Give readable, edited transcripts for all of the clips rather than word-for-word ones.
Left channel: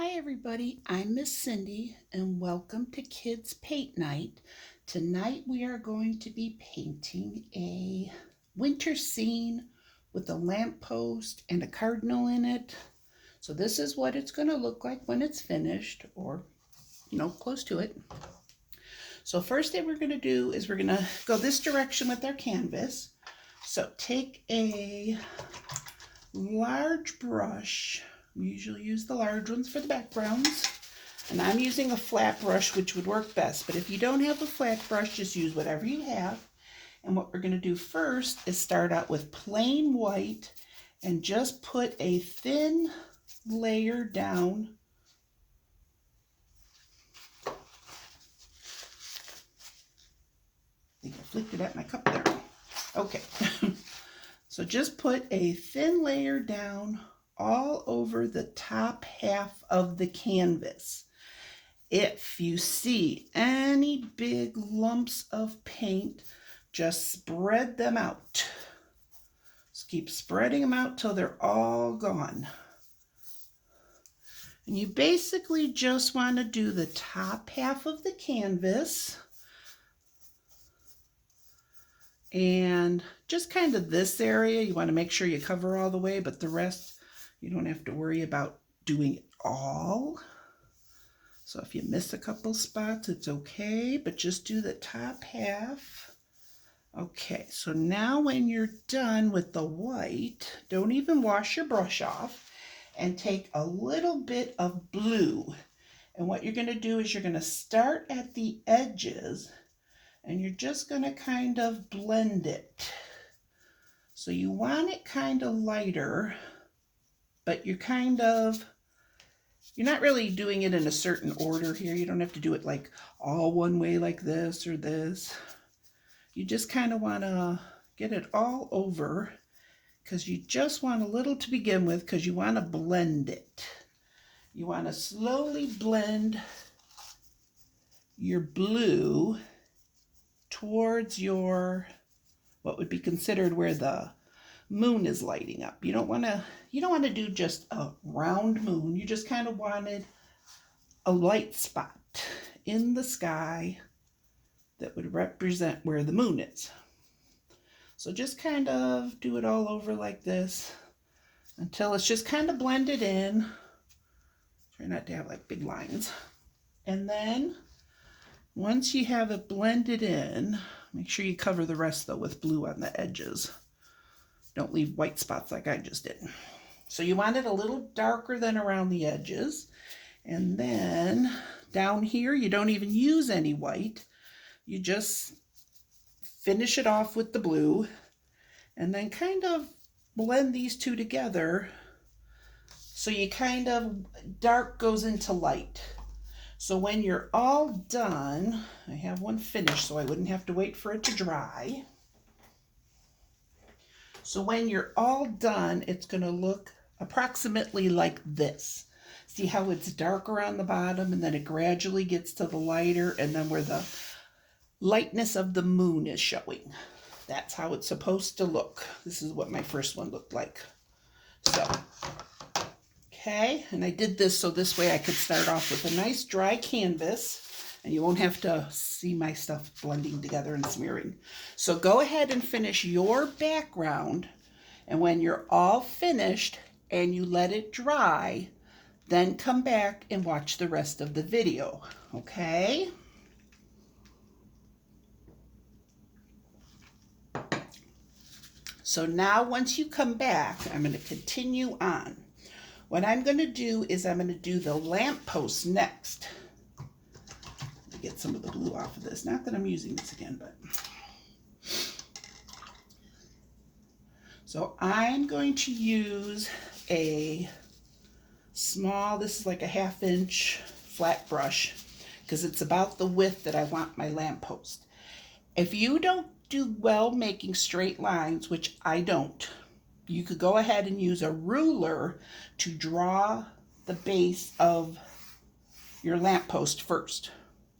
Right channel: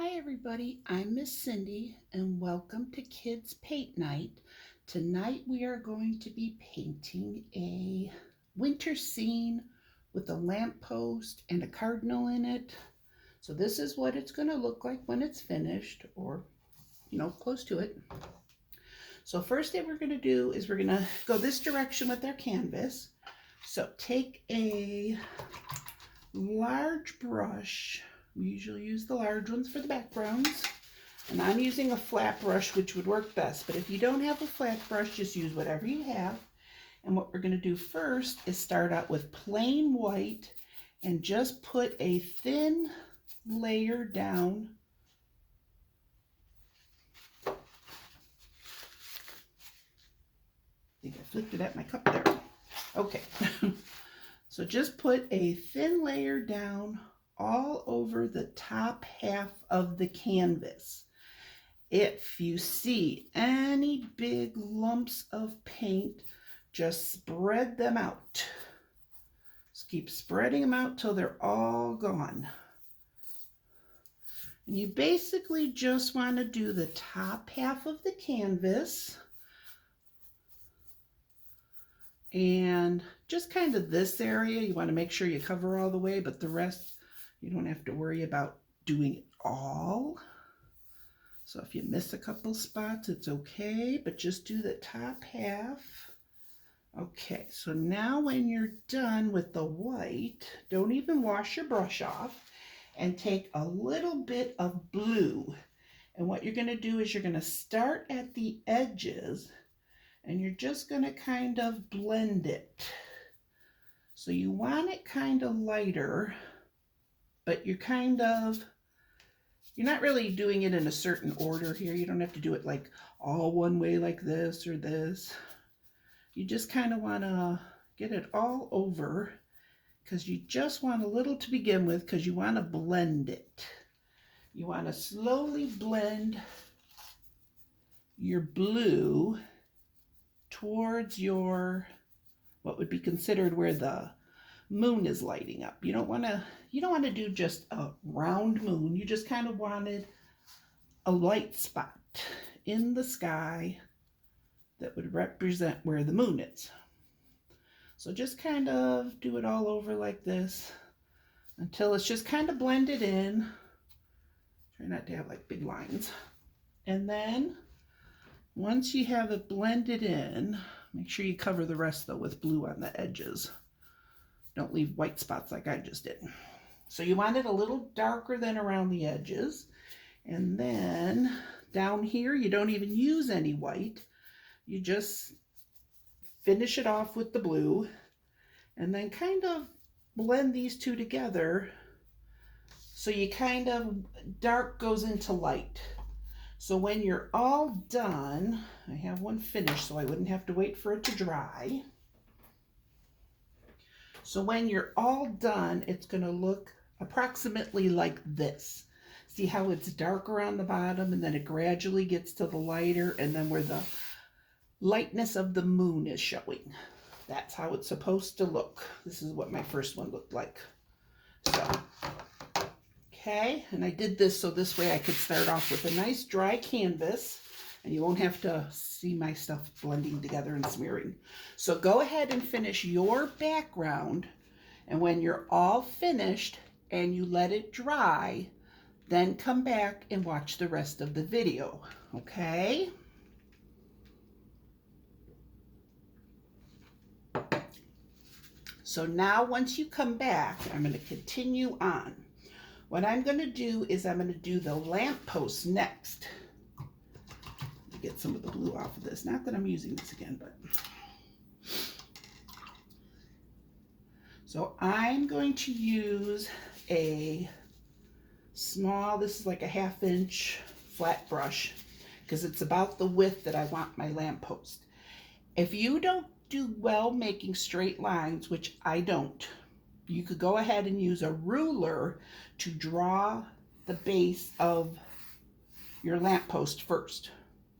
Hi everybody, I'm Miss Cindy and welcome to Kids Paint Night. Tonight we are going to be painting a winter scene with a lamppost and a cardinal in it. So this is what it's going to look like when it's finished, or close to it. So first thing we're going to do is we're going to go this direction with our canvas. So take a large brush. We usually use the large ones for the backgrounds. And I'm using a flat brush, which would work best. But if you don't have a flat brush, just use whatever you have. And what we're going to do first is start out with plain white and just put a thin layer down. I think I flicked it at my cup there. Okay. So just put a thin layer down all over the top half of the canvas. If you see any big lumps of paint, just spread them out. Just keep spreading them out till they're all gone. And you basically just want to do the top half of the canvas and just kind of this area. You want to make sure you cover all the way, but the rest you don't have to worry about doing it all. So if you miss a couple spots, it's okay, but just do the top half. Okay, so now when you're done with the white, don't even wash your brush off, and take a little bit of blue. And what you're going to do is you're going to start at the edges, and you're just going to kind of blend it. So you want it kind of lighter, but you're not really doing it in a certain order here. You don't have to do it like all one way like this or this. You just kind of want to get it all over because you just want a little to begin with because you want to blend it. You want to slowly blend your blue towards your, what would be considered where the moon is lighting up. You don't want to do just a round moon. You just kind of wanted a light spot in the sky that would represent where the moon is. So just kind of do it all over like this until it's just kind of blended in. Try not to have like big lines. And then once you have it blended in, make sure you cover the rest though with blue on the edges. Don't leave white spots like I just did. So you want it a little darker than around the edges. And then down here, you don't even use any white. You just finish it off with the blue and then kind of blend these two together. So you kind of, dark goes into light. So when you're all done, I have one finished so I wouldn't have to wait for it to dry. So when you're all done, it's going to look approximately like this. See how it's darker on the bottom and then it gradually gets to the lighter, and then where the lightness of the moon is showing. That's how it's supposed to look. This is what my first one looked like. So, okay, and I did this so this way I could start off with a nice dry canvas and you won't have to see my stuff blending together and smearing. So go ahead and finish your background, and when you're all finished and you let it dry, then come back and watch the rest of the video, okay? So now once you come back, I'm going to continue on. What I'm going to do is I'm going to do the lamppost next. Get some of the blue off of this. Not that I'm using this again, but. So I'm going to use a small, this is like a 1/2 inch flat brush because it's about the width that I want my lamppost. If you don't do well making straight lines, which I don't, you could go ahead and use a ruler to draw the base of your lamppost first,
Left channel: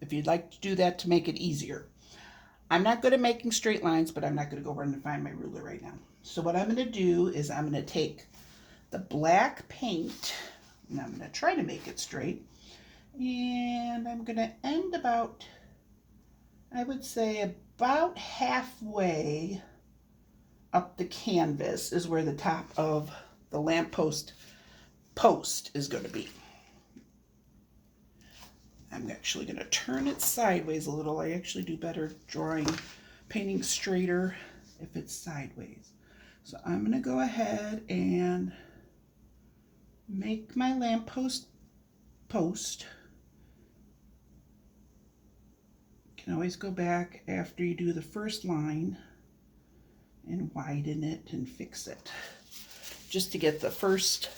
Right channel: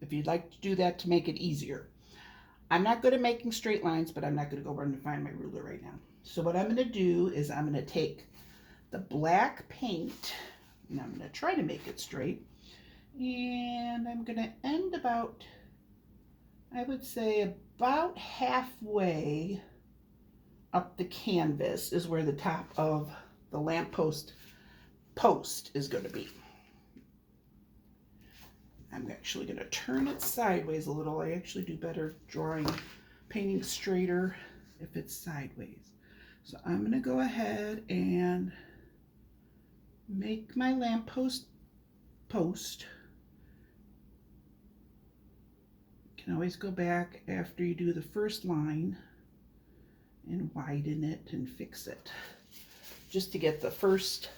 if you'd like to do that to make it easier. I'm not good at making straight lines, but I'm not going to go run and find my ruler right now. So what I'm going to do is I'm going to take the black paint And I'm going to try to make it straight. And I'm going to end about, I would say about halfway up the canvas is where the top of the lamppost post is going to be. I'm actually going to turn it sideways a little. I actually do better painting straighter if it's sideways. So I'm going to go ahead and make my lamppost post. You can always go back after you do the first line and widen it and fix it. Just to get the first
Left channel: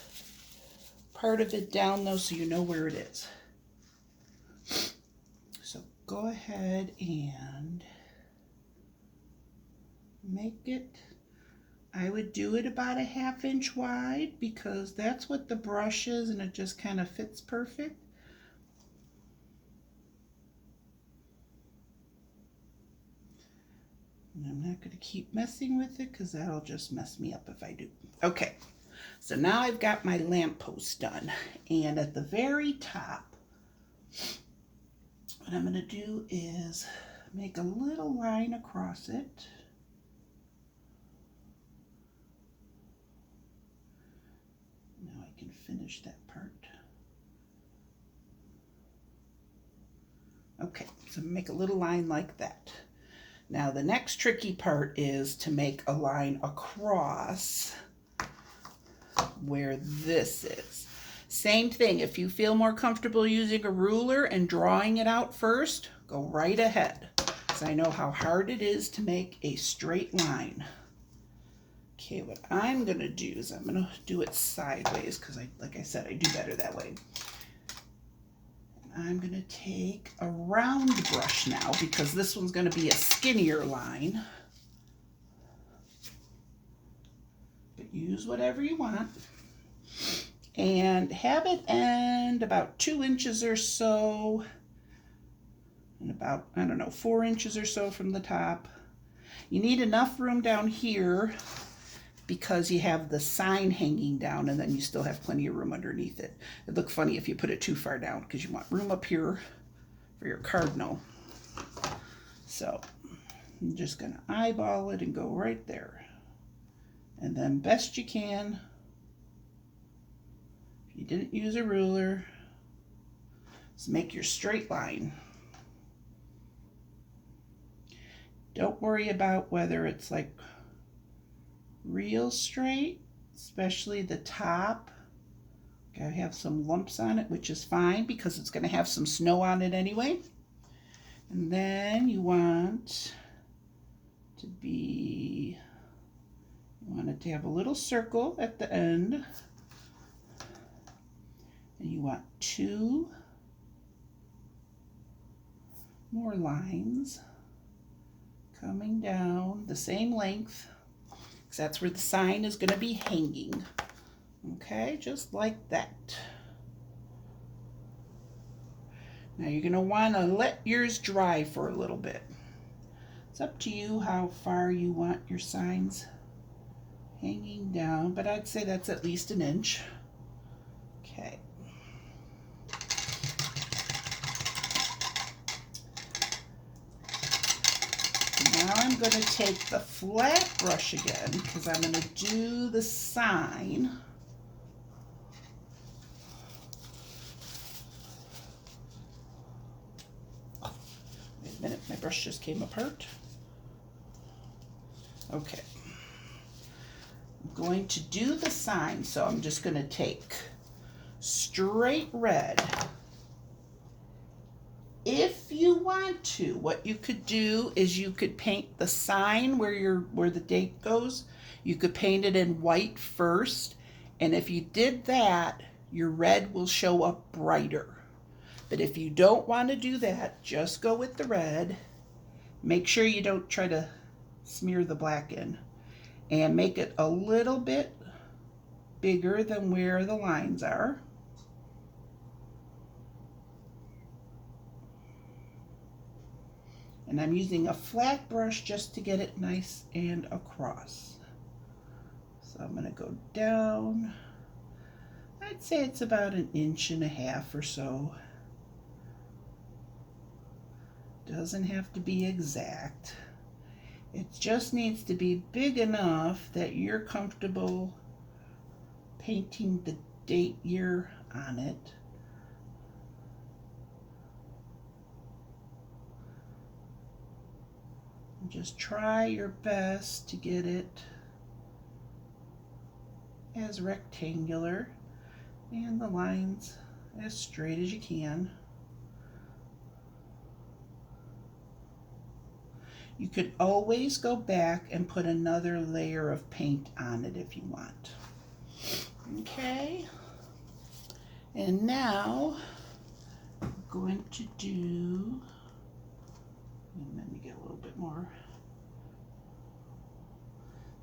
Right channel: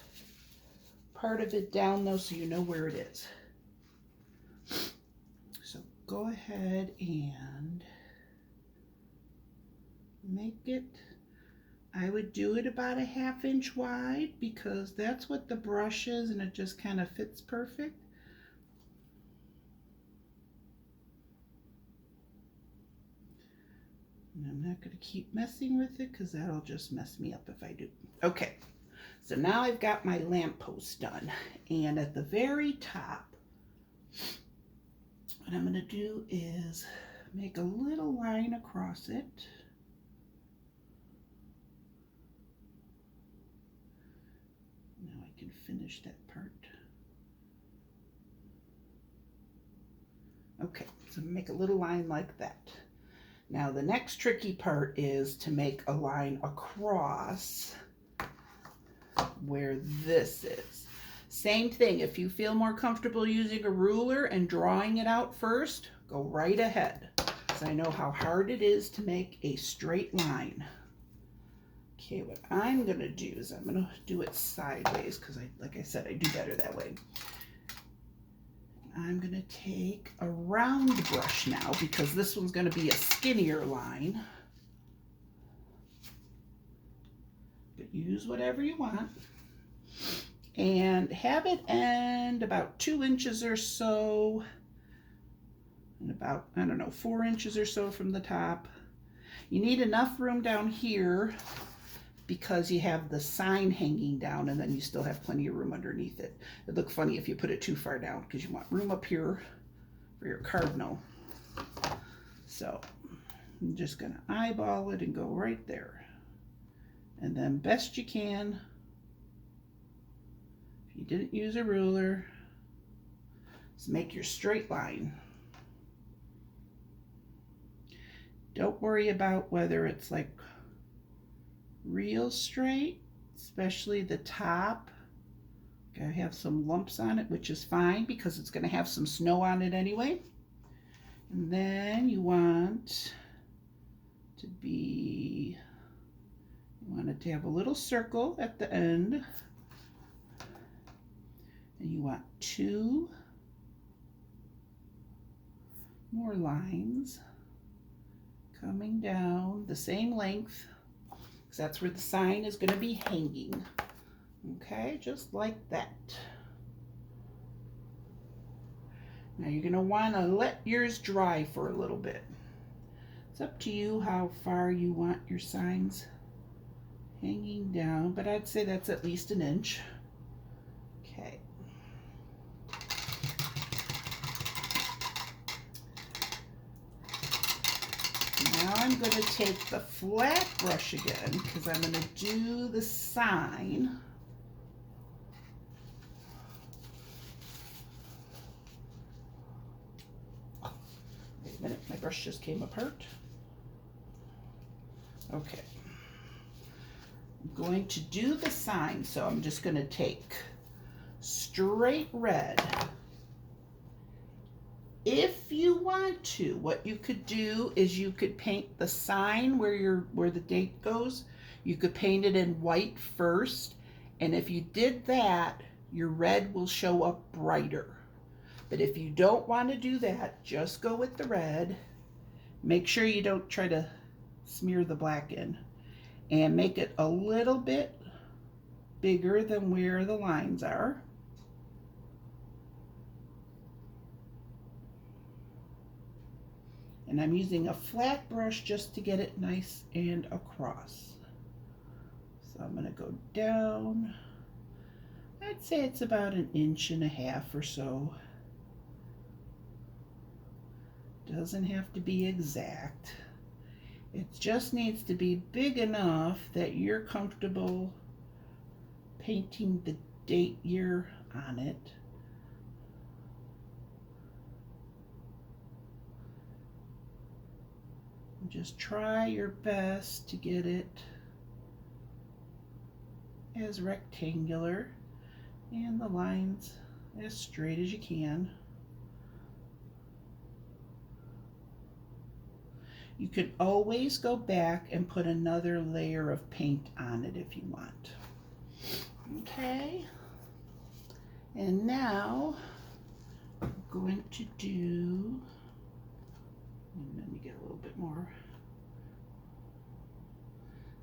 part of it down though, so you know where it is. So go ahead and make it, I would do it about a 1/2 inch wide because that's what the brush is and it just kind of fits perfect. And I'm not going to keep messing with it because that'll just mess me up if I do. Okay, so now I've got my lamppost done. And at the very top, what I'm going to do is make a little line across it. Now I can finish that part. Okay, so make a little line like that. Now the next tricky part is to make a line across where this is. Same thing, if you feel more comfortable using a ruler and drawing it out first, go right ahead, because I know how hard it is to make a straight line. Okay, what I'm going to do is I'm going to do it sideways because, like I said, I do better that way. I'm going to take a round brush now because this one's going to be a skinnier line. But use whatever you want. And have it end about 2 inches or so. And about, I don't know, 4 inches or so from the top. You need enough room down here because you have the sign hanging down and then you still have plenty of room underneath it. It'd look funny if you put it too far down because you want room up here for your cardinal. So I'm just going to eyeball it and go right there. And then best you can, if you didn't use a ruler, just make your straight line. Don't worry about whether it's like real straight, especially the top. I have some lumps on it, which is fine because it's going to have some snow on it anyway. And then you want to be, you want it to have a little circle at the end. And you want 2 more lines coming down the same length. That's where the sign is going to be hanging. Okay, just like that. Now you're going to want to let yours dry for a little bit. It's up to you how far you want your signs hanging down, but I'd say that's at least 1 inch. Okay. Now I'm going to take the flat brush again because I'm going to do the sign. Oh, wait a minute, my brush just came apart. Okay. I'm going to do the sign, so I'm just going to take straight red. If you want to, what you could do is you could paint the sign where the date goes. You could paint it in white first, and if you did that, your red will show up brighter. But if you don't want to do that, just go with the red. Make sure you don't try to smear the black in, and make it a little bit bigger than where the lines are. And I'm using a flat brush just to get it nice and across. So I'm going to go down. I'd say it's about 1.5 inches or so. Doesn't have to be exact. It just needs to be big enough that you're comfortable painting the date year on it. And just try your best to get it as rectangular and the lines as straight as you can. You could always go back and put another layer of paint on it if you want. Okay, and now I'm going to do, let me get a little bit more.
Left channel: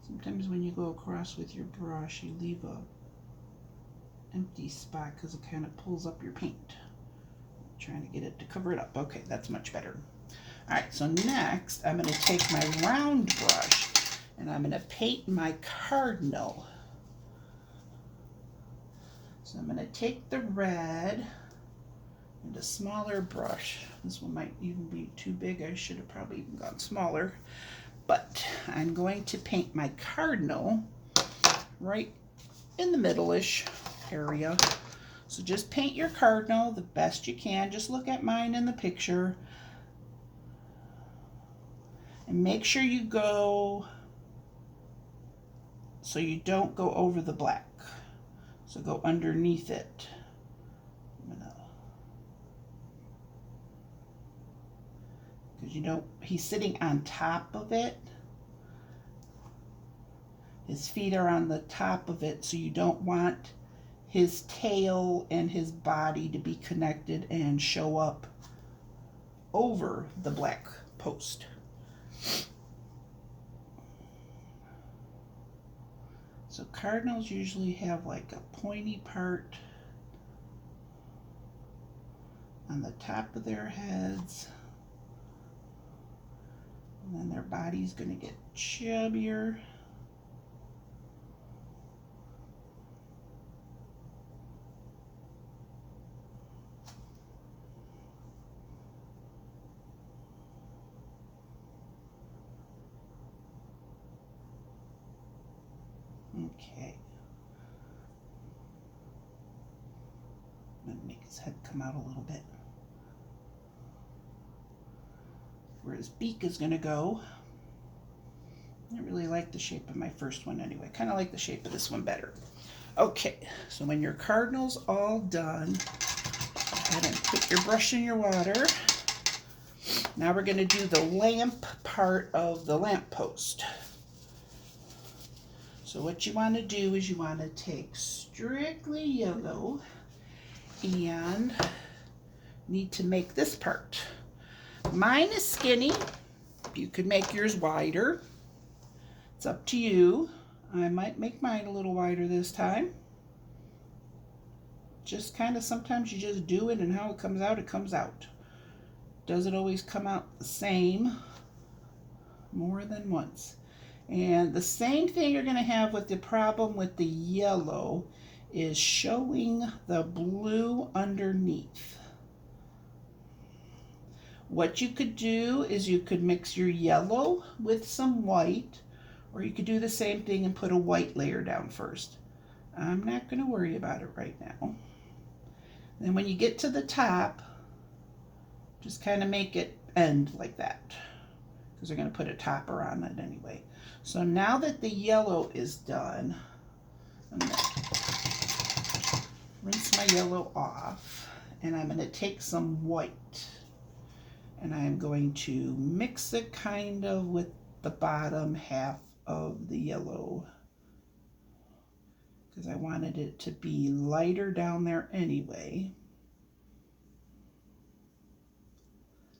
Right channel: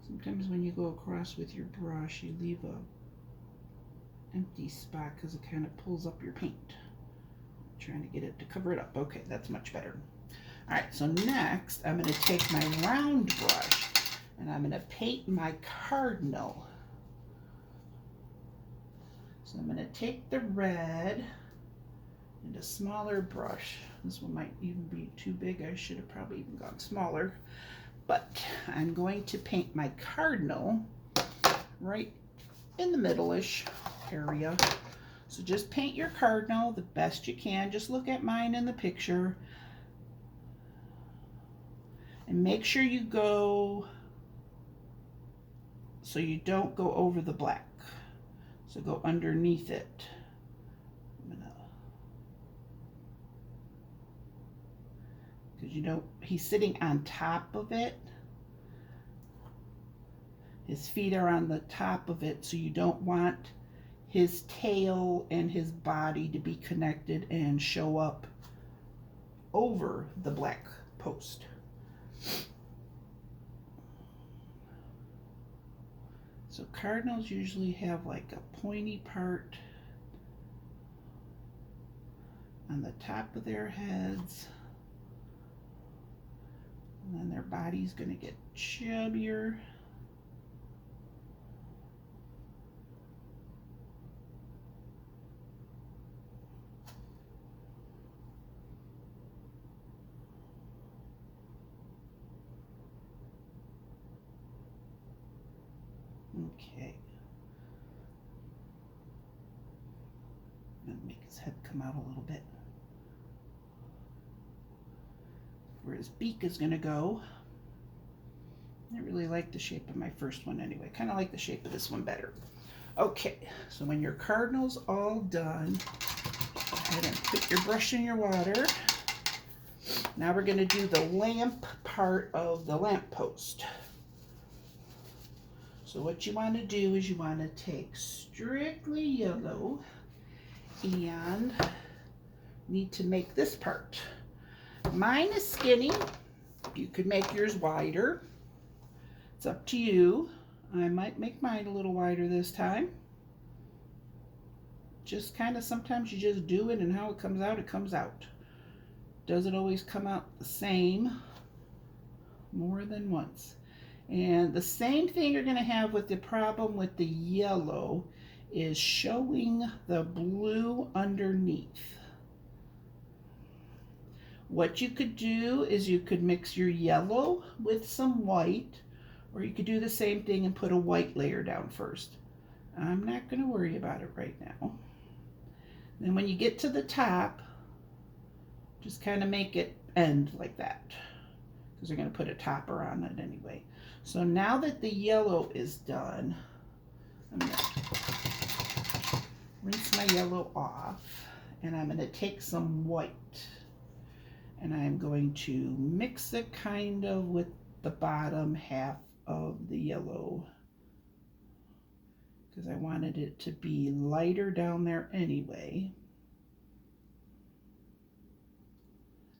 Sometimes when you go across with your brush, you leave a empty spot because it kind of pulls up your paint. I'm trying to get it to cover it up. Okay, that's much better. All right, so next I'm going to take my round brush and I'm going to paint my cardinal. So I'm going to take the red and a smaller brush. This one might even be too big. I should have probably even gone smaller. But I'm going to paint my cardinal right in the middle-ish area. So just paint your cardinal the best you can. Just look at mine in the picture. And make sure you go so you don't go over the black. So go underneath it. Because you know, he's sitting on top of it. His feet are on the top of it, so you don't want his tail and his body to be connected and show up over the black post. So cardinals usually have like a pointy part on the top of their heads, and then their body's going to get chubbier. Okay. I'm going to make his head come out a little bit. Where his beak is going to go. I really like the shape of my first one anyway. Kind of like the shape of this one better. Okay, so when your cardinal's all done, go ahead and put your brush in your water. Now we're going to do the lamp part of the lamp post. So what you want to do is you want to take strictly yellow and need to make this part. Mine is skinny. You could make yours wider. It's up to you. I might make mine a little wider this time. Just kind of, sometimes you just do it and how it comes out, it comes out. Doesn't always come out the same more than once. And the same thing you're going to have with the problem with the yellow is showing the blue underneath. What you could do is you could mix your yellow with some white, or you could do the same thing and put a white layer down first. I'm not going to worry about it right now. Then when you get to the top, just kind of make it end like that, because they're going to put a topper on it anyway. So now that the yellow is done, I'm going to rinse my yellow off, and I'm going to take some white, and I'm going to mix it kind of with the bottom half of the yellow, because I wanted it to be lighter down there anyway.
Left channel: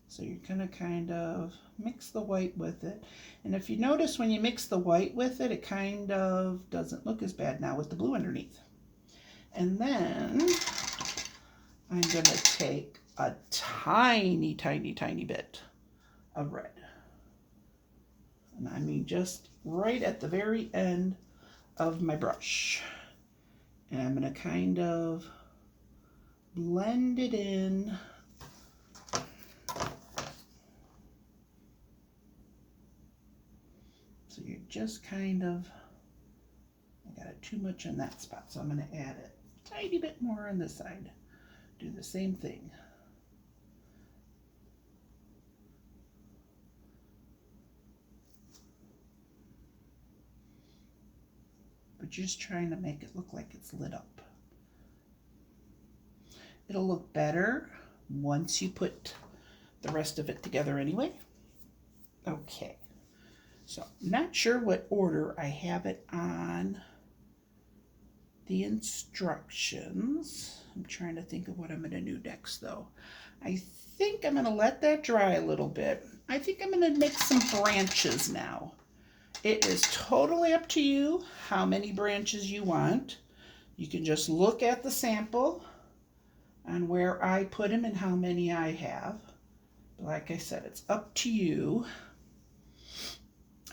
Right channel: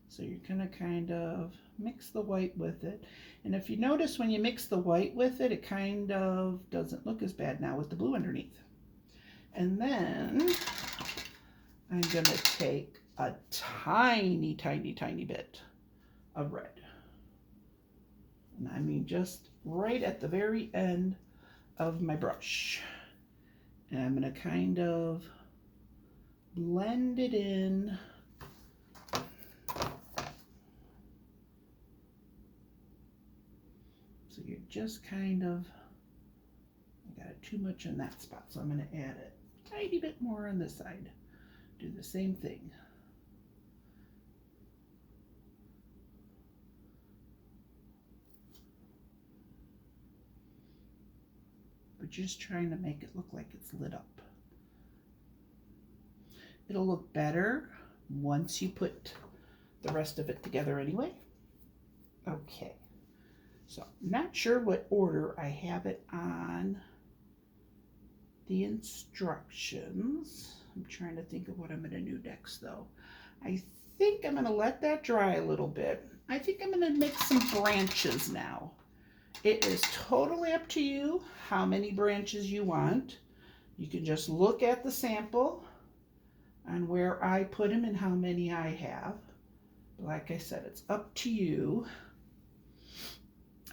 So you're going to kind of mix the white with it. And if you notice when you mix the white with it, it kind of doesn't look as bad now with the blue underneath. And then I'm going to take a tiny, tiny, tiny bit of red. And I mean just right at the very end of my brush. And I'm going to kind of blend it in. So you're just kind of, I got it too much in that spot, so I'm going to add a tiny bit more on this side. Do the same thing. But just trying to make it look like it's lit up. It'll look better once you put the rest of it together anyway. Okay, so not sure what order I have it on the instructions. I'm trying to think of what I'm going to do next though. I think I'm going to let that dry a little bit. I think I'm going to make some branches now. It is totally up to you how many branches you want. You can just look at the sample on where I put them and how many I have. But like I said, it's up to you.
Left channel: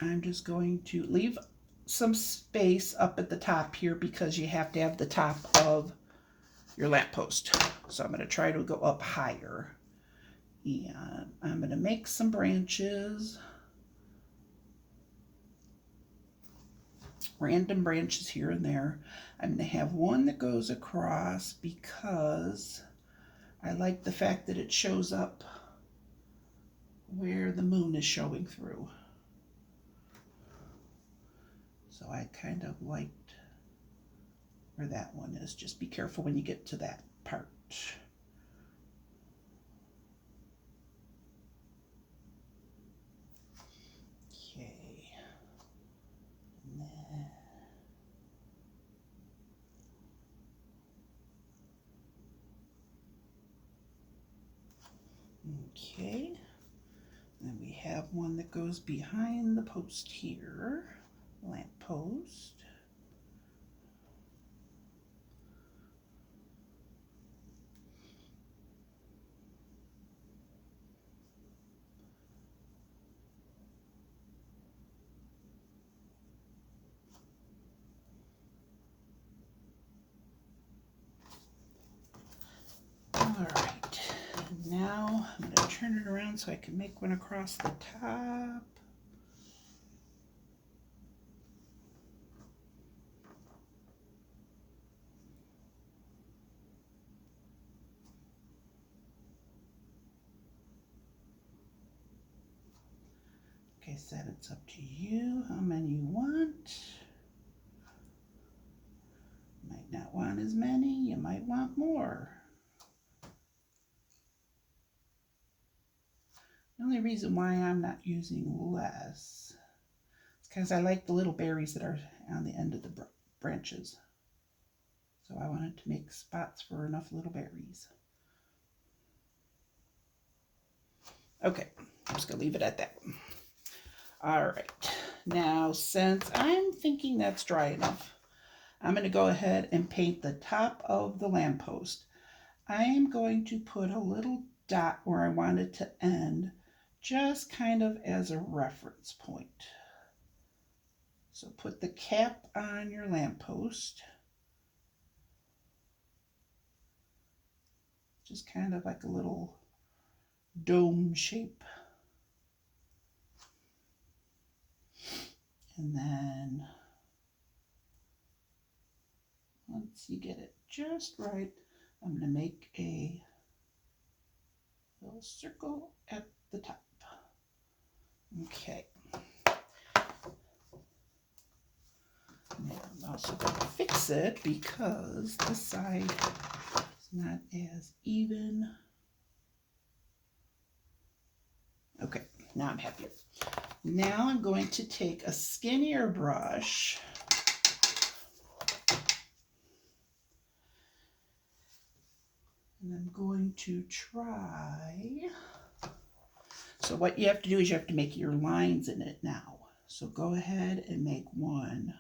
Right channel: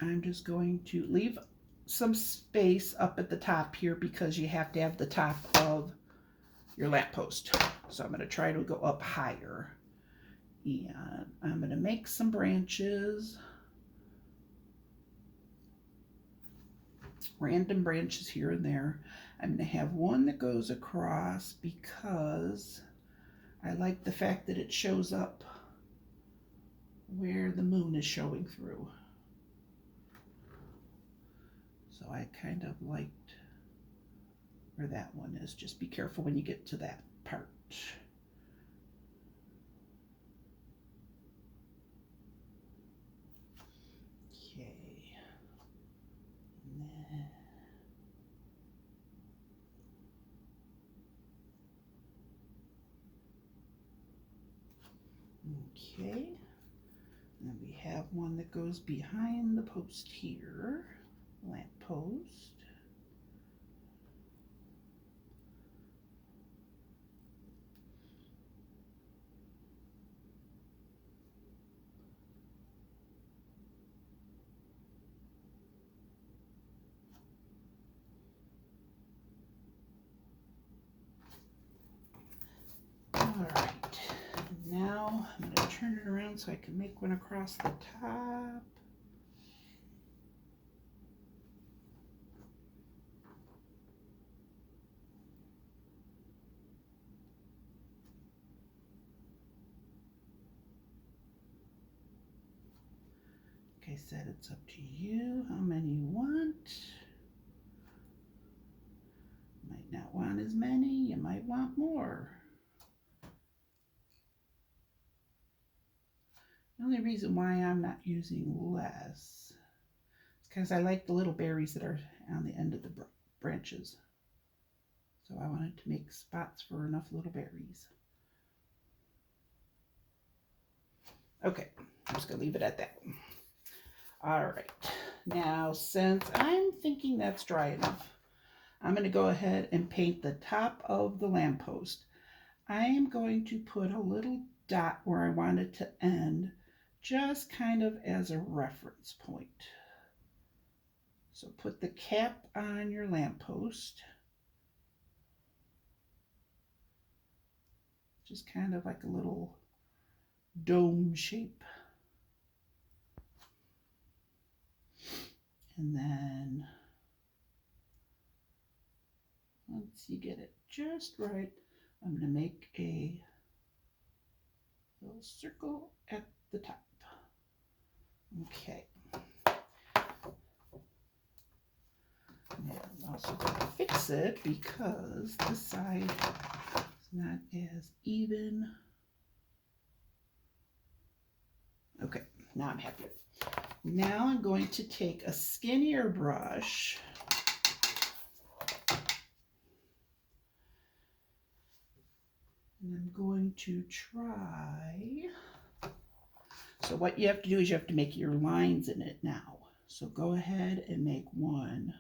I'm just going to leave some space up at the top here because you have to have the top of your lamppost. So I'm going to try to go up higher. And I'm going to make some branches. Random branches here and there. I'm going to have one that goes across because I like the fact that it shows up where the moon is showing through. So I kind of liked where that one is. Just be careful when you get to that part. Okay. And then okay. Then we have one that goes behind the post here, lamp post. All right, now I'm going to turn it around so I can make one across the top. Like I said, it's up to you how many you want. Might not want as many, you might want more. The only reason why I'm not using less is because I like the little berries that are on the end of the branches. So I wanted to make spots for enough little berries. Okay, I'm just going to leave it at that. All right, now since I'm thinking that's dry enough, I'm going to go ahead and paint the top of the lamppost. I am going to put a little dot where I want it to end, just kind of as a reference point. So put the cap on your lamppost, just kind of like a little dome shape. And then once you get it just right, I'm going to make a little circle at the top. Okay. And I'm also going to fix it because this side is not as even. Okay, now I'm happy. Now I'm going to take a skinnier brush and I'm going to try. So what you have to do is you have to make your lines in it now. So go ahead and make one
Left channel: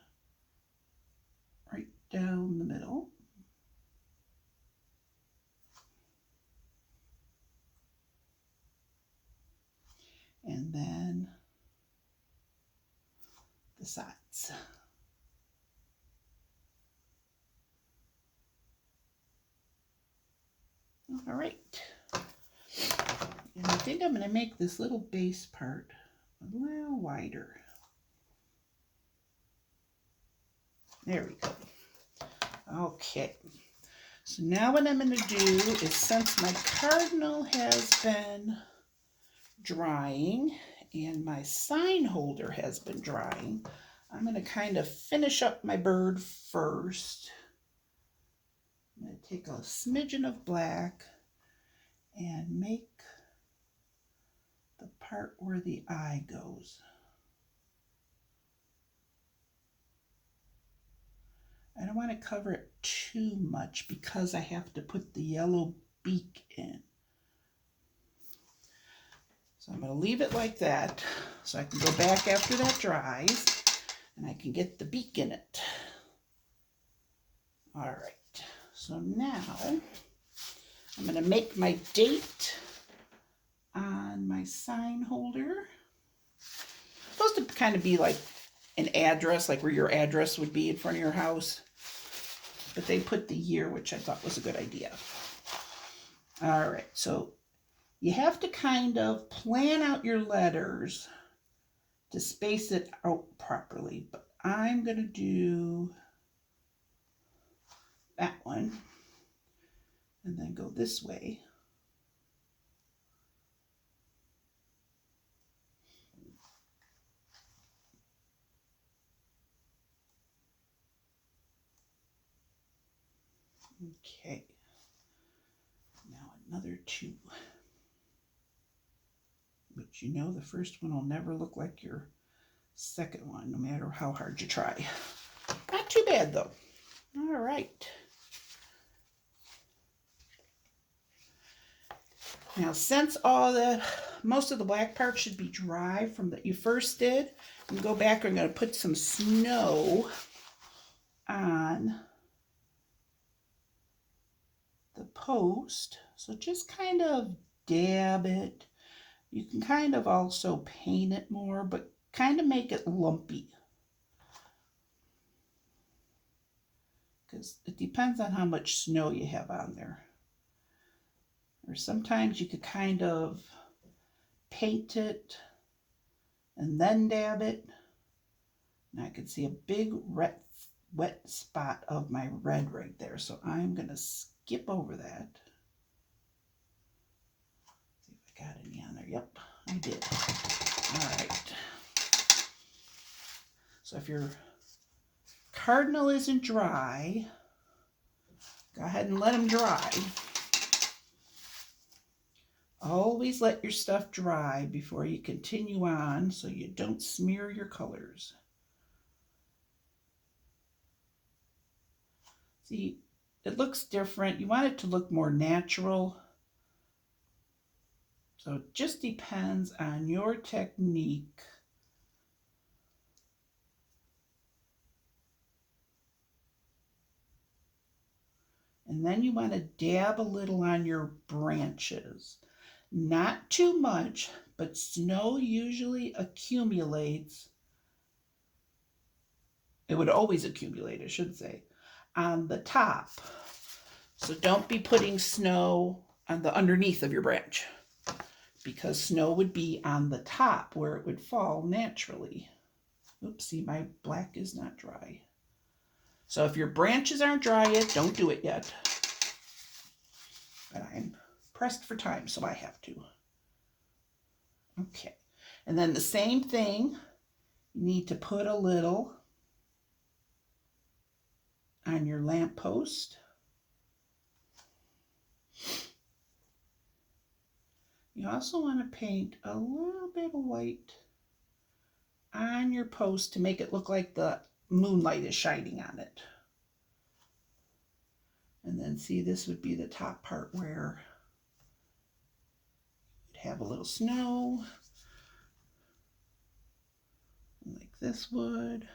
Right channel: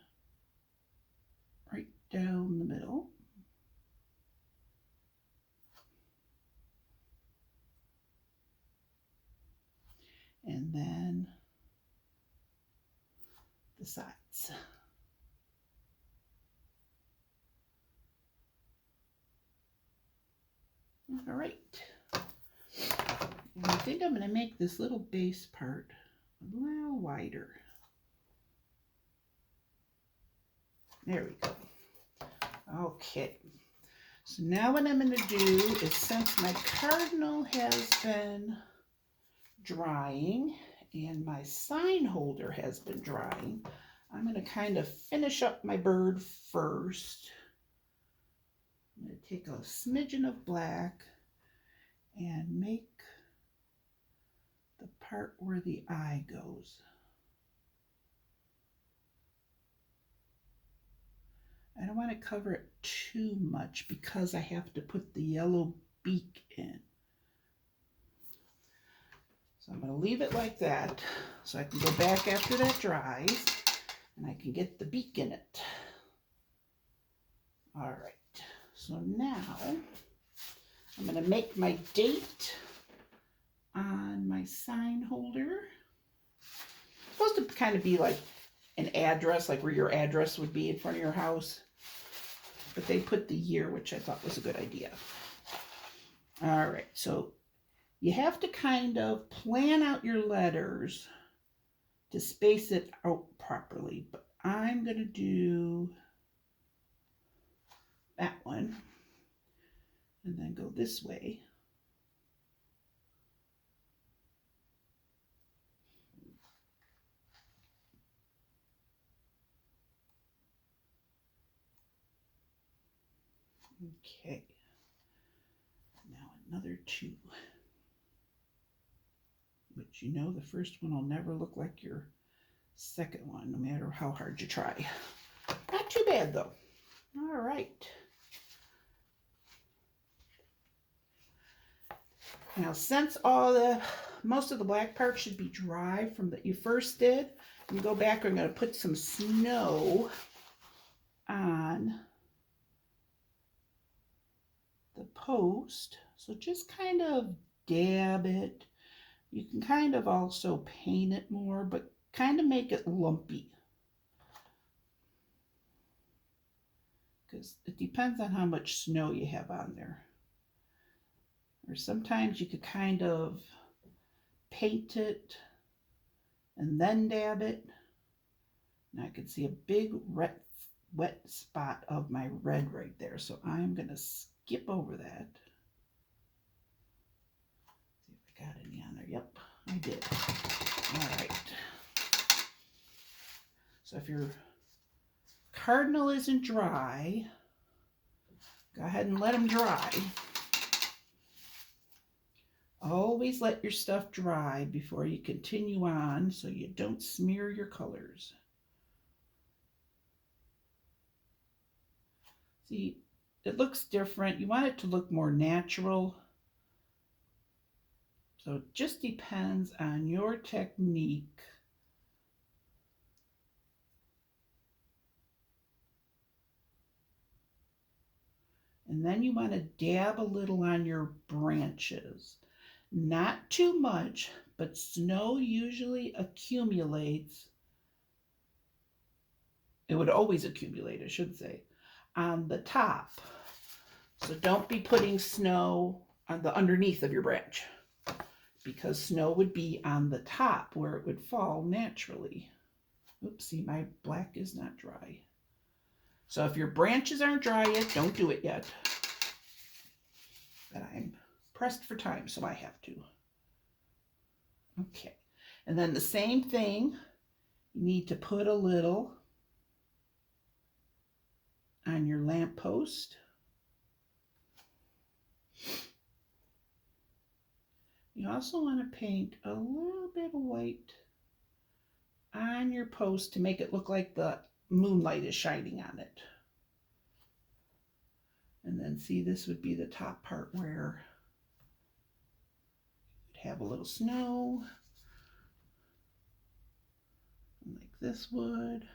right down the middle. And then the sides. All right. And I think I'm going to make this little base part a little wider. There we go. Okay. So now what I'm going to do is, since my cardinal has been drying and my sign holder has been drying, I'm going to kind of finish up my bird first. I'm going to take a smidgen of black and make the part where the eye goes. I don't want to cover it too much because I have to put the yellow beak in. So I'm going to leave it like that so I can go back after that dries and I can get the beak in it. All right, so now I'm going to make my date on my sign holder. It's supposed to kind of be like an address, like where your address would be in front of your house. But they put the year, which I thought was a good idea. All right, so you have to kind of plan out your letters to space it out properly. But I'm going to do that one and then go this way. Okay, now another 2. But you know the first one will never look like your second one, no matter how hard you try. Not too bad though. All right. Now since most of the black part should be dry from that you first did, I'm going to go back, I'm going to put some snow on the post. So just kind of dab it. You can kind of also paint it more, but kind of make it lumpy. Because it depends on how much snow you have on there. Or sometimes you could kind of paint it and then dab it. And I can see a big wet spot of my red right there. So I'm going to skip over that. See if I got any on there. Yep, I did. All right. So if your cardinal isn't dry, go ahead and let them dry. Always let your stuff dry before you continue on so you don't smear your colors. See, it looks different. You want it to look more natural. So it just depends on your technique. And then you want to dab a little on your branches. Not too much, but snow usually accumulates. It would always accumulate, I should say, on the top. So don't be putting snow on the underneath of your branch, because snow would be on the top where it would fall naturally. Oopsie, my black is not dry. So if your branches aren't dry yet, don't do it yet. But I'm pressed for time, so I have to. Okay, and then the same thing, you need to put a little on your lamppost. You also want to paint a little bit of white on your post to make it look like the moonlight is shining on it. And then see, this would be the top part where you'd have a little snow, like this would.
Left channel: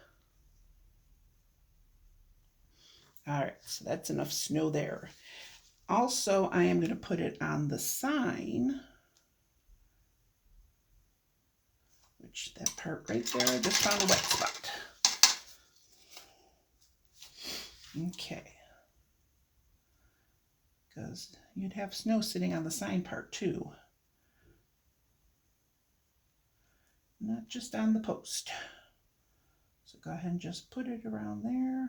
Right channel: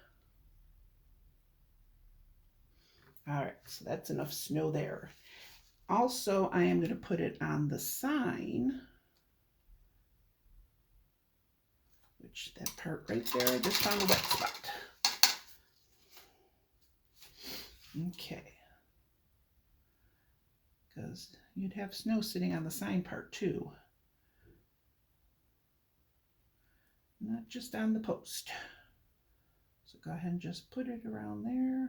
All right, so that's enough snow there. Also, I am going to put it on the sign, which that part right there, I just found a wet spot. Okay. because you'd have snow sitting on the sign part too. Not just on the post. So go ahead and just put it around there.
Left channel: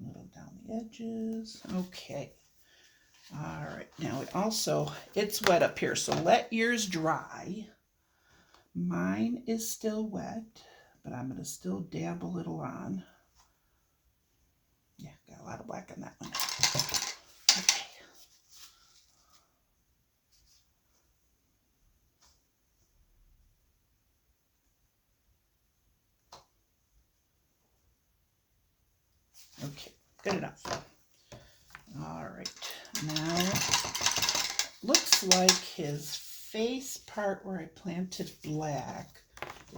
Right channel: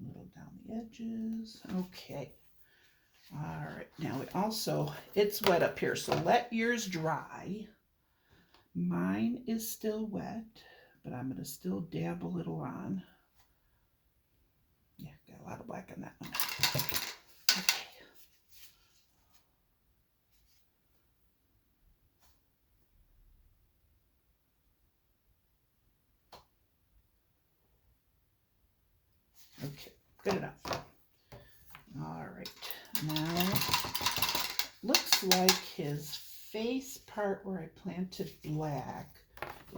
A little down the edges. Okay. All right. Now it's wet up here, so let yours dry. Mine is still wet, but I'm going to still dab a little on. Yeah, got a lot of black on that one. Okay. Okay, good enough. All right, now looks like his face part where I planted black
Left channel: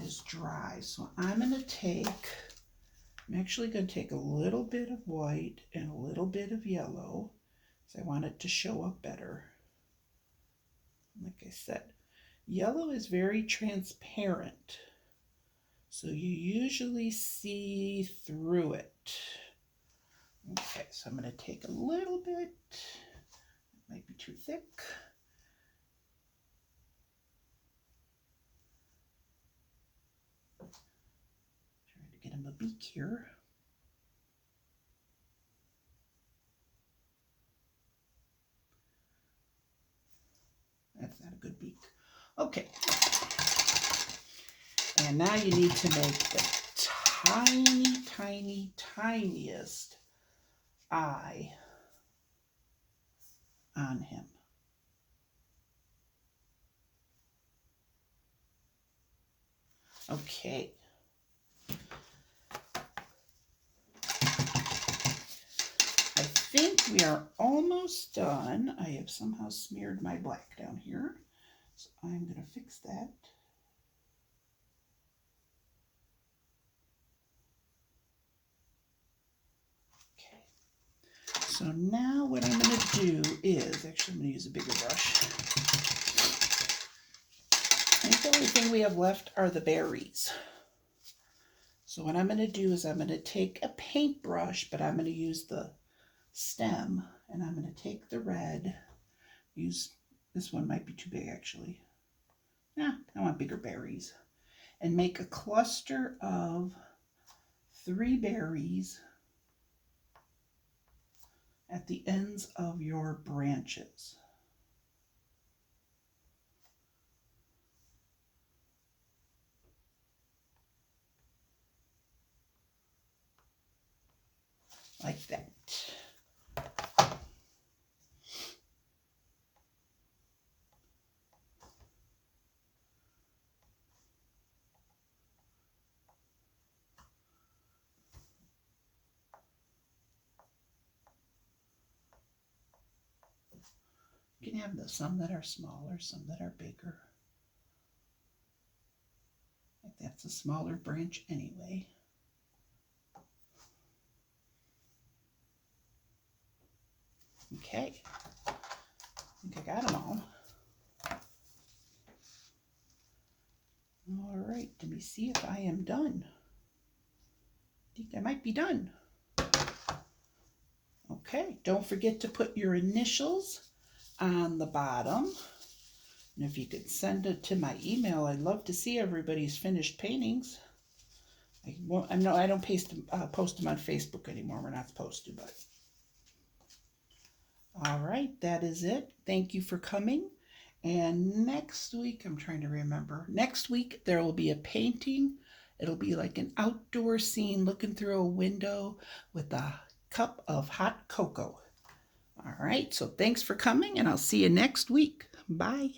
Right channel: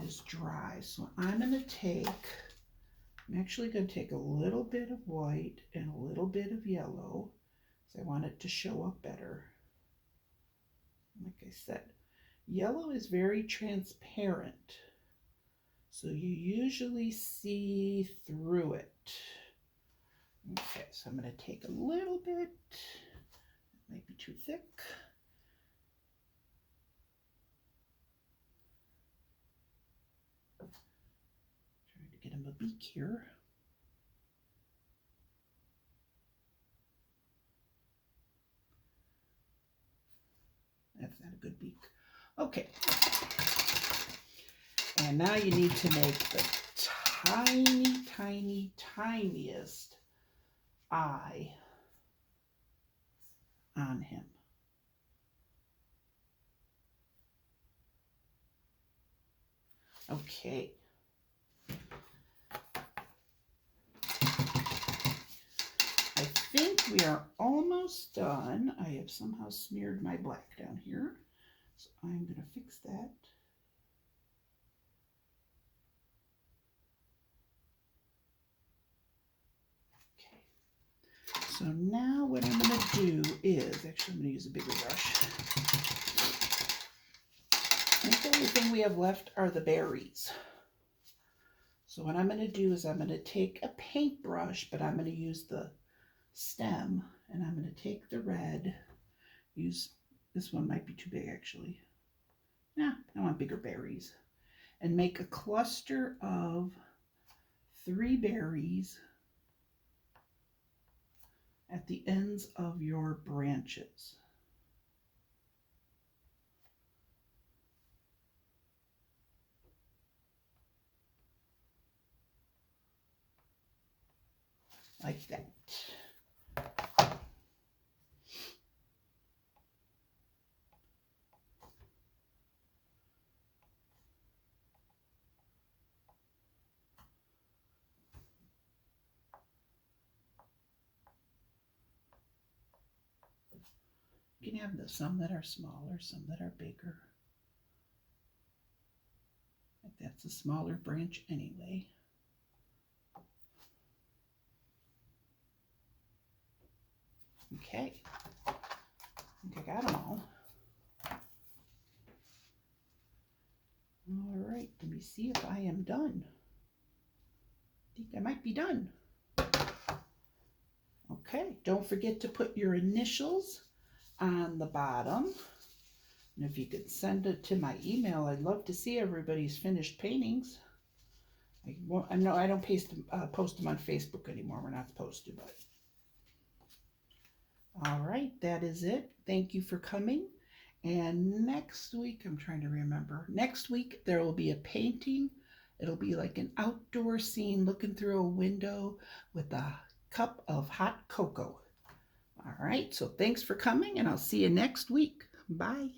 is dry. So I'm actually going to take a little bit of white and a little bit of yellow because I want it to show up better. Like I said, yellow is very transparent, so you usually see through it. Okay, so I'm going to take a little bit, it might be too thick. Trying to get him a beak here. That's not a good beak. Okay. And now you need to make the tiniest eye on him. Okay. I think we are almost done. I have somehow smeared my black down here, so I'm going to fix that. So now what I'm going to do is, actually I'm going to use a bigger brush. I think the only thing we have left are the berries. So what I'm going to do is I'm going to take a paintbrush, but I'm going to use the stem, and I'm going to take the red, this one might be too big actually. Yeah, I want bigger berries. And make a cluster of 3 berries at the ends of your branches. Like that. You can have some that are smaller, some that are bigger. Like that's a smaller branch anyway. Okay, I think I got them all. All right, let me see if I am done. I think I might be done. Okay, don't forget to put your initials on the bottom. And if you could send it to my email, I'd love to see everybody's finished paintings. I don't post them on Facebook anymore. We're not supposed to, but. All right, that is it. Thank you for coming. And next week, I'm trying to remember. Next week, there will be a painting. It'll be like an outdoor scene looking through a window with a cup of hot cocoa. All right, so thanks for coming, and I'll see you next week. Bye.